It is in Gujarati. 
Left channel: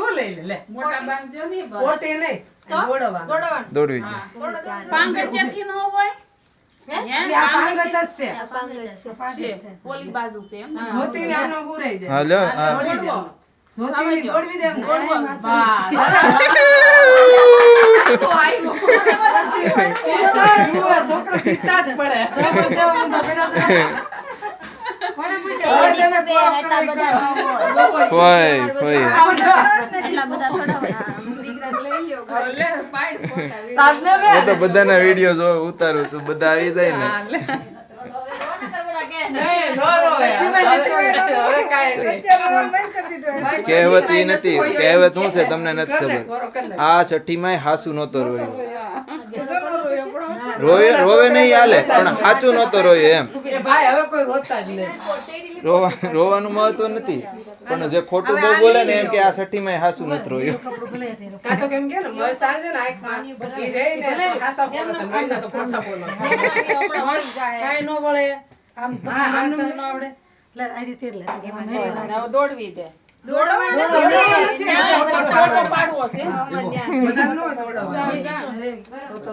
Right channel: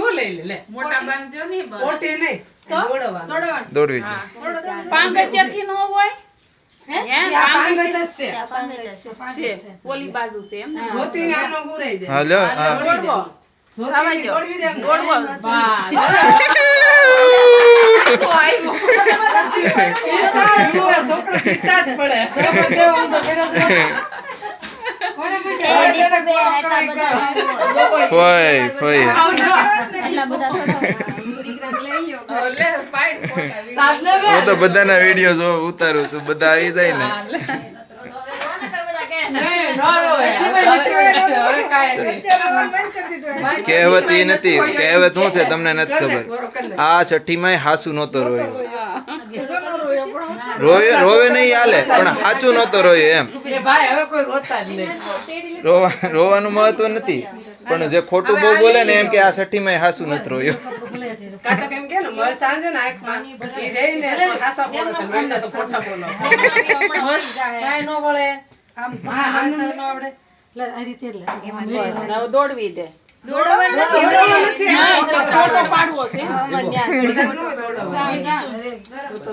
તું લઈ લે લે મોટા બાંધ્યો નહીં બસ પોટી નહીં દોડવા દોડવી પાંગત્યાથી ન હોય હે આ પાંગત જ છે છે ઓલી બાજુ છે એમ જ્યોતિને આનો ગુરાઈ દે હા લ્યો હા દોડવી દે જ્યોતિને દોડવી દે એમ દોડવો બા તો આવ્યો છોકરો શીખતા જ પડે ફોય ફોય લે પાડ ફોટા સાદલે હું તો બધાના વિડિયો જો ઉતારું છું બધા આવી જાય ને કહેવત ઈ નથી કહેવત શું છે તમને નથી ખબર આ છઠ્ઠીમાં હાસુ નહોતો રોયો રોવે નહીં હાલે પણ હાચું નહોતો રોયો એમ ભાઈ હવે કોઈ રોતા જ નહીં રોવાનું મહત્વ નથી પણ જે ખોટું બહુ બોલે ને એમ કે આ છઠ્ઠીમાં હાસુ નથી રોયો કાતો કેમ કે ને મર સાંજે ને આંખમાં બસી દે ને ખાસા બોલો તો મને તો ખોટા બોલો કાઈ નો વળે આમ આમ તો નો આવડે લે આ રીતે લે હવે દોડવી દે દોડવાનું પાડવો છે બધા નો દોડવા તો